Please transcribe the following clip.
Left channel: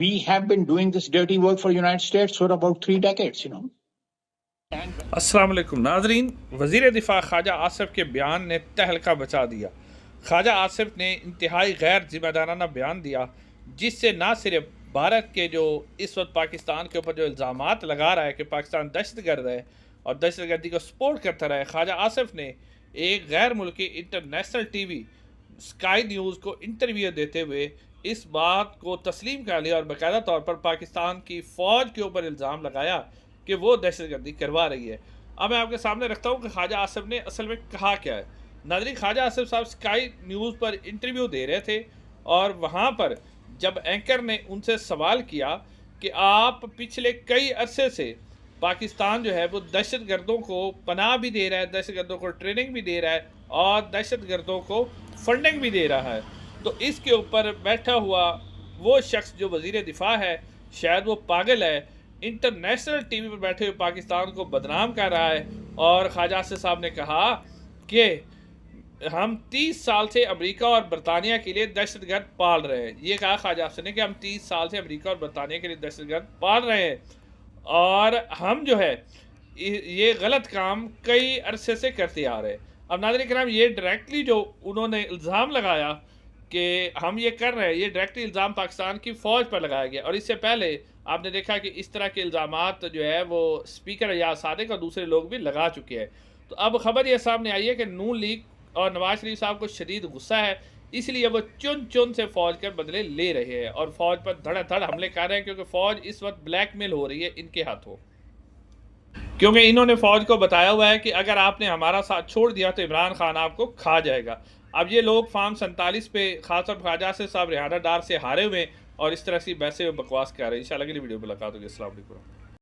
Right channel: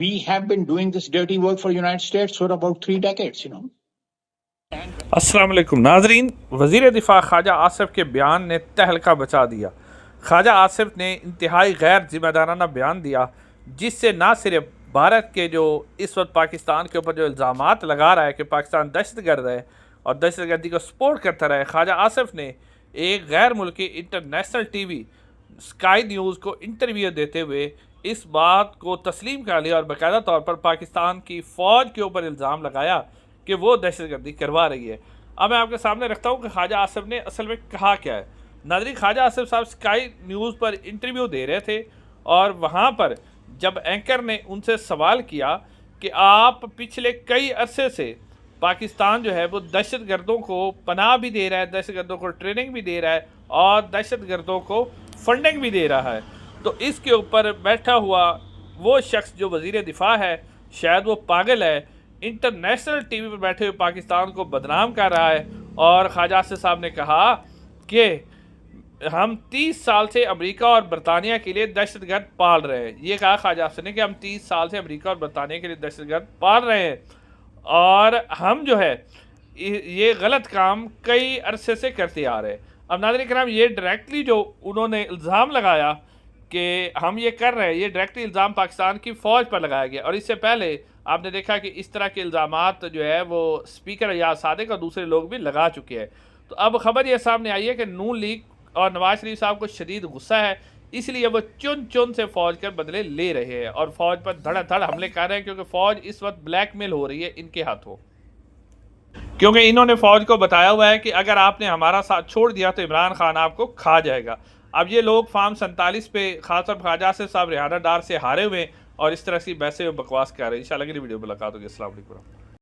We have been doing this dirty work for United States for about 3 decades, अस्सलाम वालेकुम नाजरीन, वज़ीर दिफा ख्वाजा आसिफ के बयान ने तहलका बचा दिया। ख्वाजा आसिफ ने इंतहाई गैर जिम्मेदाराना बयान दिया, जिससे ना सिर्फ भारत के जो इस वक्त पाकिस्तान के ऊपर जो इल्ज़ामात लगा रहा है कि पाकिस्तान दहशतगर्द है और दहशतगर्दी को सपोर्ट करता रहा है, ख्वाजा आसिफ ने एक गैर मुल्की इंटरनेशनल टीवी स्काई न्यूज़ को इंटरव्यू देते हुए इस बात को तस्लीम कर लिया और बाकायदा तौर पर पाकिस्तान की फ़ौज के ऊपर इल्ज़ाम लगाया कि वो दहशतगर्दी करवा रही है। अब मैं आपके सामने रखता हूँ कि ख्वाजा आसिफ ने असल में कहा क्या है। नाज़रीन, ख्वाजा आसिफ साहब स्काई न्यूज़ पर इंटरव्यू दे रहे थे और वहाँ पर जब एंकर ने उनसे सवाल किया कि आप पिछले कई अरसे से पाकिस्तान जो है वो दहशतगर्दों को पनाह भी दे रहा है, दहशतगर्दों को ट्रेनिंग भी दे रहा है और दहशतगर्दों को फंडिंग भी दे रहा है, तो इसके ऊपर बैठा हुआ वो शख्स जो वज़ीर दिफा है, शायद वो पागल है, इंटरनेशनल टीवी पर बैठे हुए पाकिस्तान को बदनाम कर रहा है। और ख्वाजा आसिफ साहब ने कहा कि हम 30 साल से अमेरिका और बरतानिया के लिए दहशतगर्द पाल रहे हैं। ये कहा ख्वाजा आसिफ ने कि हम 30 साल से अमेरिका और बरतानिया के लिए दहशतगर्द पाल रहे हैं और हम जो है ये गलत काम कई अरसे से करते आ रहे हैं। अब नाज़रीन किराम, ये डायरेक्टली जो उन्होंने इल्ज़ाम लगाया कि हम ये कर रहे हैं, ये डायरेक्टली इल्ज़ाम पाकिस्तान की फ़ौज पर लगाया गया। और इससे पहले आपने देखा कि इस तरह के इल्ज़ामात जो है वो स्पीकर या सादिक और दूसरे लोग भी लगा चुके हैं। तो अब खबर ये सामने आई है कि नून लीग और नवाज शरीफ साहब को शदीद गुस्सा है, इसलिए वो चुन चुन से फ़ौज के बदले ले रहे हैं और फ़ौज पर धड़ाधड़ हमले कर रहे हैं, क्योंकि फ़ौज इस वक्त ब्लैकमेल हो रही है इनके हाथों। क्योंकि इन्होंने फ़ौज को बताया हुआ है कि अगर आपने हमारा साथ छोड़ दिया तो इमरान खान आपको खा जाएगा। अब ये लोग फार्म 47 पे खासतौर पर ख्वाजा आसिफ साहब रिहाना डार से हारे हुए और इस तरह की वैसे बकवास कर रहे हैं। इंशाल्लाह अगली वीडियो में मुलाकात होगी। अस्सलाम वालेकुम।